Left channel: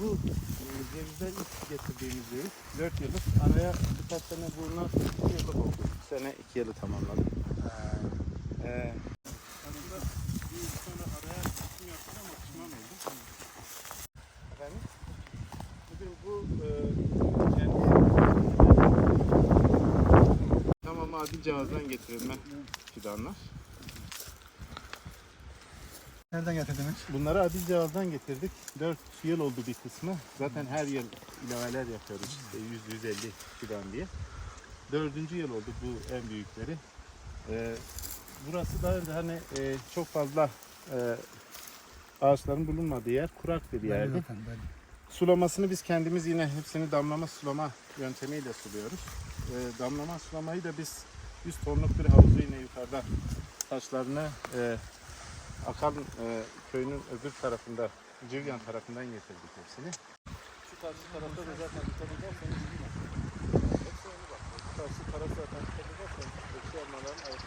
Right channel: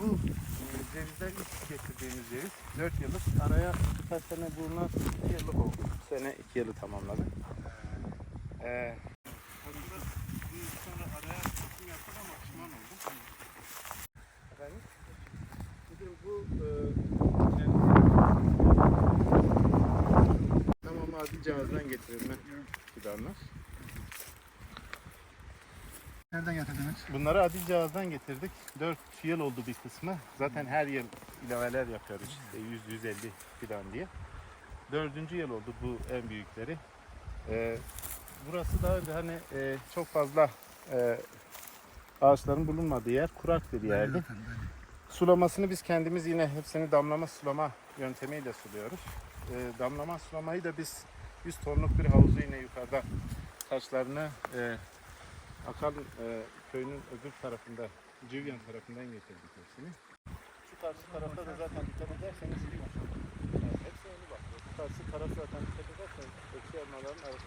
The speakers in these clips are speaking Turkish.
Bu e, ilk getirdiğimiz ceviz 4 yıllık. Araya birkaç sene sonra 2 yıllık oldu. Bu sene 2 yılı tamamladı. Ee, aslında bir sonra araya seçim yaptık ama pişman oldum. Efendim? Bugün bu e, kendi tamam cihazdan getirilme fidanlar. Nereden getirdiniz? Bunları adil cihazdan getirdik. 4 yıl oldu bir kısmı. Zaten her yıl ilaveler yapıyoruz işte 100-150 fidan diye. Dördüncü yıl oldu bu en büyükleri. Ee, burası daha önce hani e, çok fazla e, ağaçların bulunmadığı yer kurak bir yerdi. Belli. Sulamasını biz kendimiz yine hepsini damlama sulama yöntemiyle suluyoruz. Ee, damlama sulamayı da biz 100 tonluk bir havuzu yine yukarıda taşlarını e, Akan e, köyünün öbür tarafında, Civyan tarafından getirdik hepsini. Şu karşı tarafta da zaten dikkat ederseniz Hepsi yeni bak. Şu karşı taraf zaten dikkat ederseniz eksi elmaların arası.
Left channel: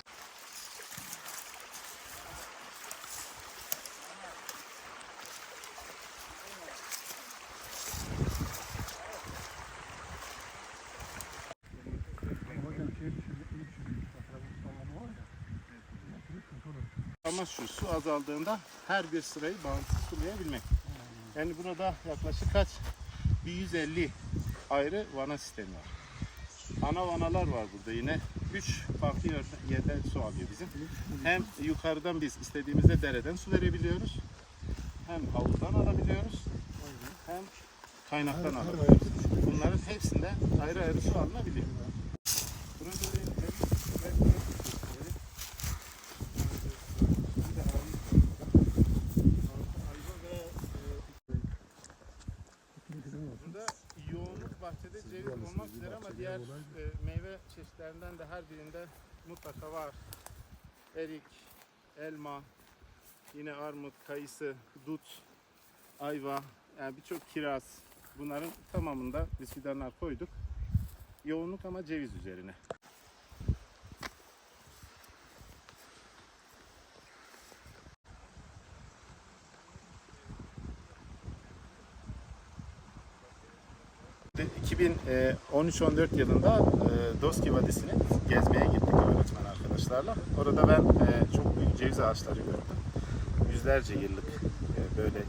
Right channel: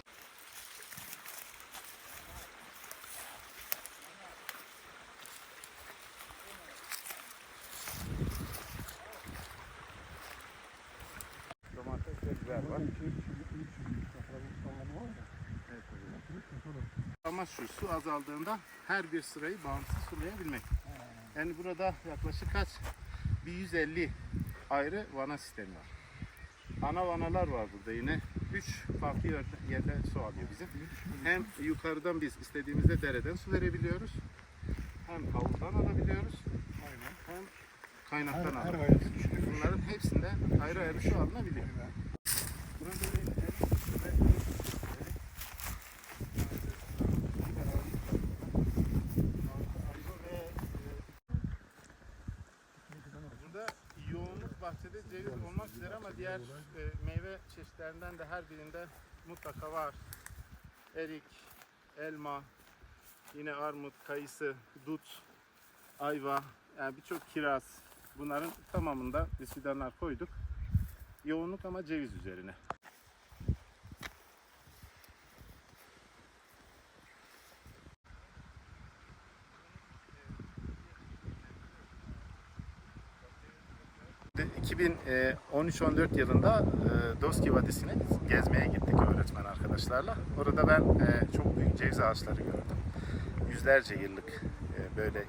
Domates ve biber var. Şey, şey, iyi düşünmüş. Mesela bu sallamı var ya. Oturup sıkıntı olur. Ama şu su azaldığında her bir sırayı bağımsız sulayabilmek. Yani burada yaklaşık kaç? Bir 150 ayrı vana sistemi var. Ana vanalar var burada yine. Üç farklı yer- yerden su alıyor bizim. Hem yukarıdan biz istediğimizde dereden su verebiliyoruz. Hem havuzdan alabiliyoruz. Hem kaynaktan alabiliyoruz. Bunların hepsinde ayrı ayrı su alınabiliyor. Burada yoğunluk bahçede ceviz olmak ama diğer e, meyve çeşitlerinden de her birinde mutlaka var. Erik, elma, yine armut, kayısı, dut, ayva, yani birçok kiraz. Bunların tamamında biz koyduk. Yoğunluk ama ceviz üzerine. De- 2013-14 yılında e, Doski Vadisi'ne gezmeye gittik öğretmen arkadaşlarla. Orada ben e, çok büyük ceviz ağaçları gördüm. Yüzlerce yıllık e, böyle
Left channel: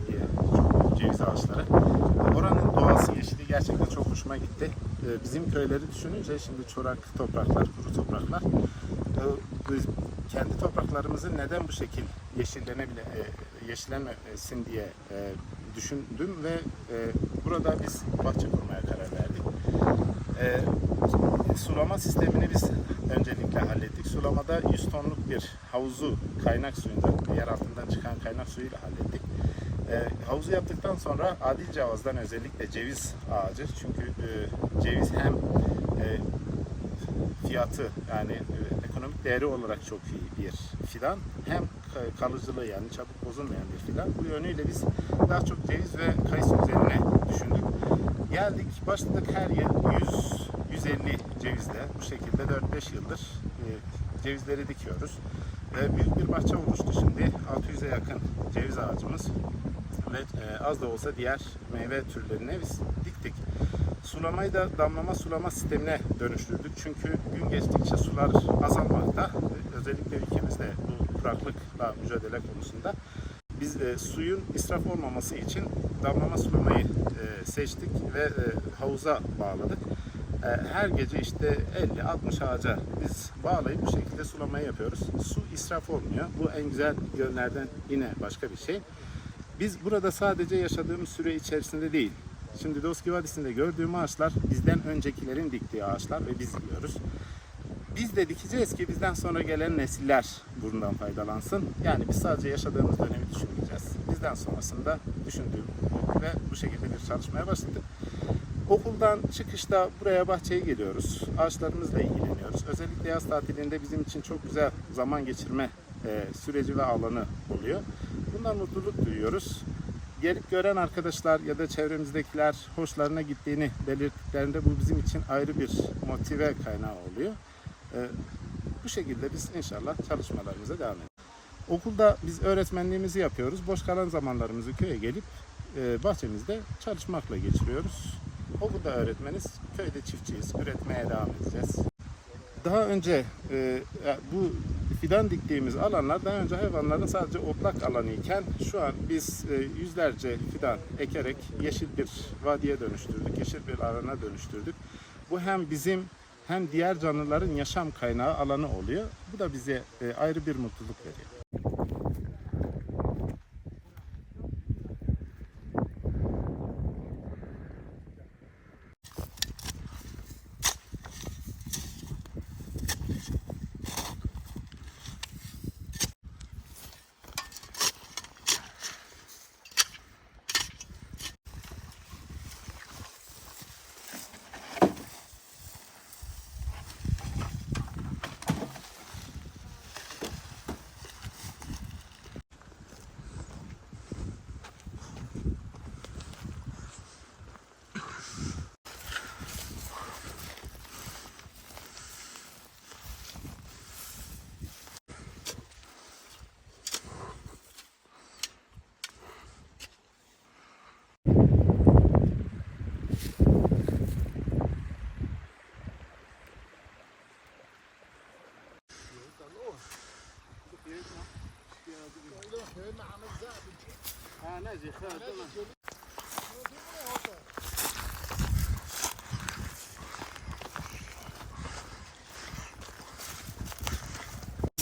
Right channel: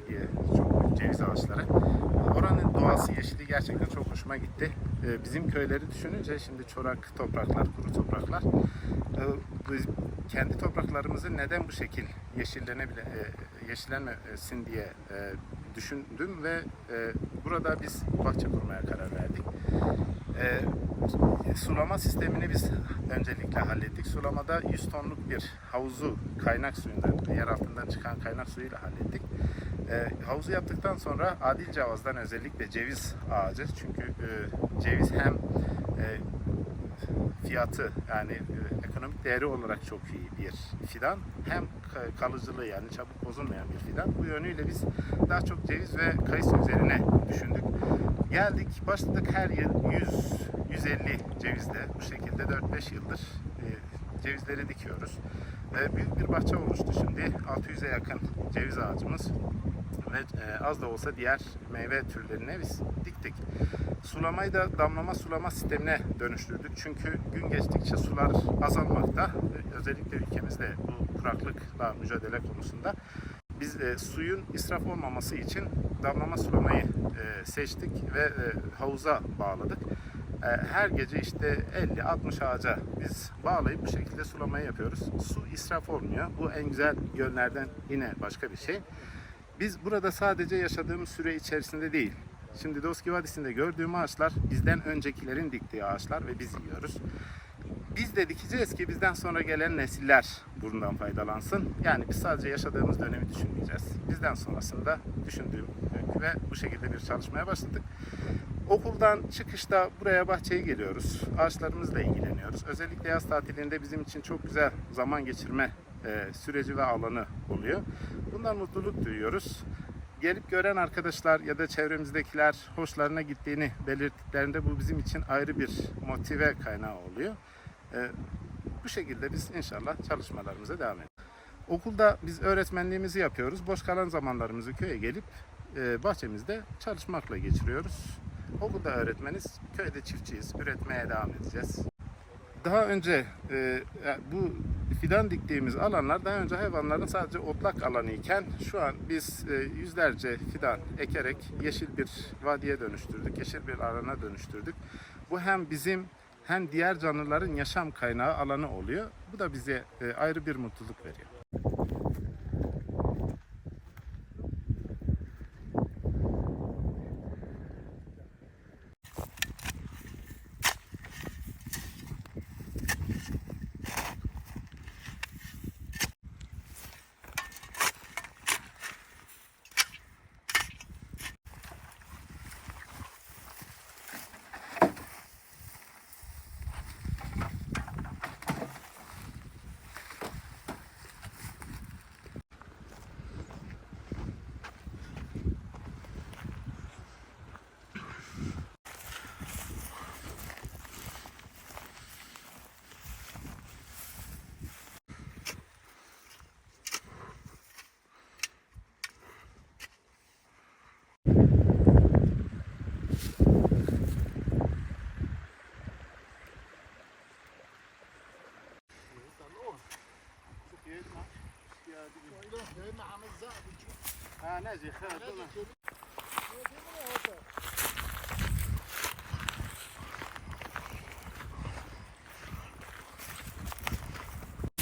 çok büyük ceviz ağaçları. Oranın doğası, yeşili gerçekten çok hoşuma gitti. Bizim köyleri düşününce şimdi çorak topraklar, kuru topraklar. biz kendi topraklarımızı neden bu şekil yeşillenebile e, yeşillenmesin diye düşündüm ve e, burada biz bahçe kurmaya karar verdik. E, sulama sistemini biz öncelikle hallettik. Sulamada 100 tonluk bir havuzu kaynak suyundan, yer altından çıkan kaynak suyuyla hallettik. E, havuzu yaptıktan sonra adil cavazdan özellikle ceviz ağacı çünkü e, ceviz hem e, fiyatı yani e, ekonomik değeri olarak çok iyi bir fidan hem ka- kalıcılığı yani çabuk bozulmayan bir fidan. Bu yönüyle biz daha çok ceviz ve kayısı üzerine düşündük. Geldik başladık her yıl 100 150 cevizle bu şekilde 4-5 yıldır e, cevizleri dikiyoruz. Ve büyük bir bahçe oluştu şimdi 600'e yakın ceviz ağacımız ve e, az da olsa diğer meyve türlerine biz diktik. Sulamayı da damlama sulama sistemine dönüştürdük. Çünkü gün geçtikçe sular azalmakta. Özellikle ülkemizde bu kuraklıkla mücadele konusunda. Biz e, suyun israf olmaması için damlama sulamayı e, seçtik ve e, havuza bağladık. E, her gece işte 50-60 ağaca biz bağlayıp bu şekilde sulamayı yapıyoruz. Su israf olmuyor. Bu en güzel yönlerden yine başka bir şey. Biz burada sadece yaşadığımız süre içerisinde değil, Şimdi Doski Vadisi'nde gördüğüm ağaçlar bizden öncekilerin diktiği ağaçlar ve biz yiyoruz. Biz de dikeceğiz ki bizden sonra gelen nesiller bundan faydalansın. Yani biz sadece yaşadığımız dönemi düşünmeyeceğiz. Bizden sonrasında düşündüğüm ve bu şekilde bir çalışmaya başladık. Okuldan çıkışta buraya bahçeye geliyoruz. Ağaçlarımızla ilgileniyoruz. Özellikle yaz tatilinde bizim için çok güzel zaman geçirme e, süreci ve alanı oluyor. Bundan mutluluk duyuyoruz gelip gören arkadaşlar ya da çevremizdekiler hoşlarına gittiğini belirttiklerinde bu bizim için ayrı bir motive kaynağı oluyor. Ee, bu şekilde biz inşallah çalışmalarımıza devam edeceğiz. Okulda biz öğretmenliğimizi yapıyoruz. Boş kalan zamanlarımızı köye gelip e, bahçemizde çalışmakla geçiriyoruz. Okulda öğretmeniz, köyde çiftçiyiz. Üretmeye devam edeceğiz. Daha önce e, e, bu fidan diktiğimiz alanlar daha önce hayvanların sadece otlak alanı iken şu an biz e, yüzlerce fidan ekerek yeşil bir vadiye dönüştürdük, yeşil bir alana dönüştürdük. Bu hem bizim hem diğer canlıların yaşam kaynağı alanı oluyor. Bu da bize e, ayrı bir mutluluk veriyor.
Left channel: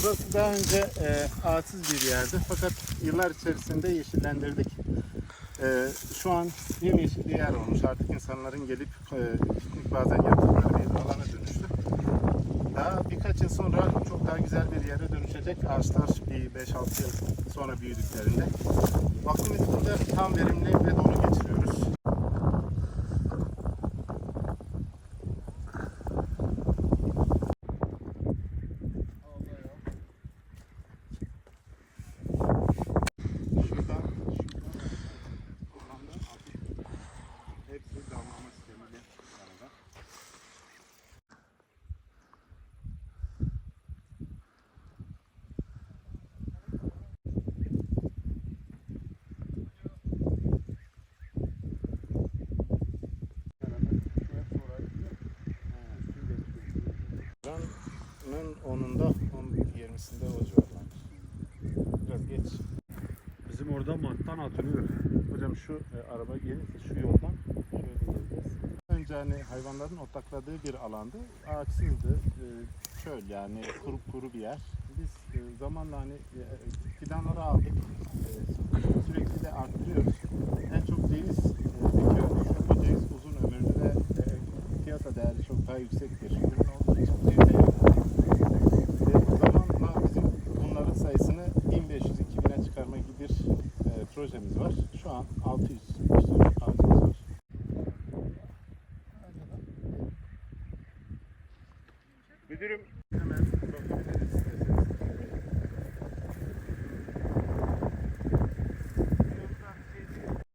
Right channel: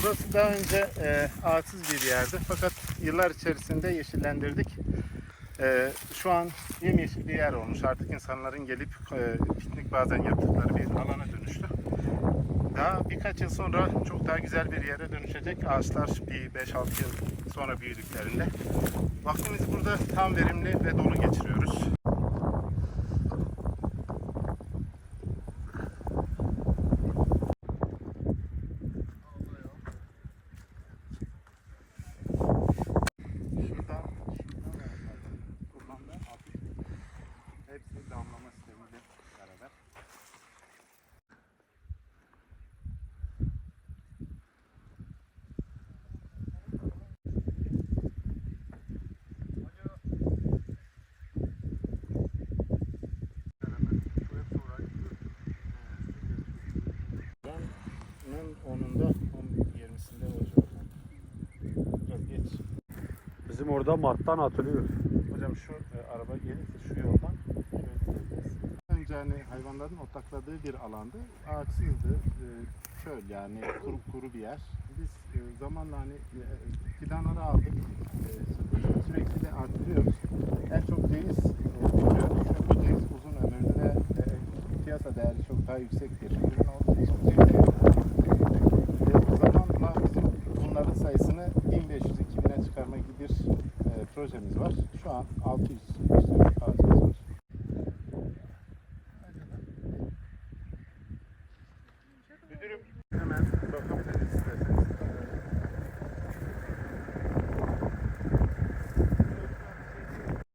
Burası daha önce e, ağaçsız bir yerdi fakat yıllar içerisinde yeşillendirdik. E, şu an yemyeşil bir yer olmuş. Artık insanların gelip e, piknik bazen yaptıkları bir alana dönüştü. Daha birkaç yıl sonra çok daha güzel bir yere dönüşecek ağaçlar bir 5-6 yıl sonra büyüdüklerinde. Vaktimizi burada tam verimli ve dolu geçiriyoruz. 10'unda, 11-20'sinde o civarlarda. Biraz geç. Bizim orada Mart'tan atılıyor. Hocam şu e, araba gelip şu yoldan. Önce hani hayvanların otakladığı bir alandı. Ağaçsızdı. E, çöl yani kuru kuru bir yer. Biz e, zamanla hani e, fidanları aldık. E, sürekli de arttırıyoruz. En çok ceviz e, dikiyoruz. Çünkü ceviz uzun ömürlü ve e, piyasa değeri çok daha yüksek bir ürün olduğu için cevize e, zamanla bizim bunların sayısını 1500-2000'e çıkarma gibi bir e, projemiz var. Şu an 600 işte ağacımız var.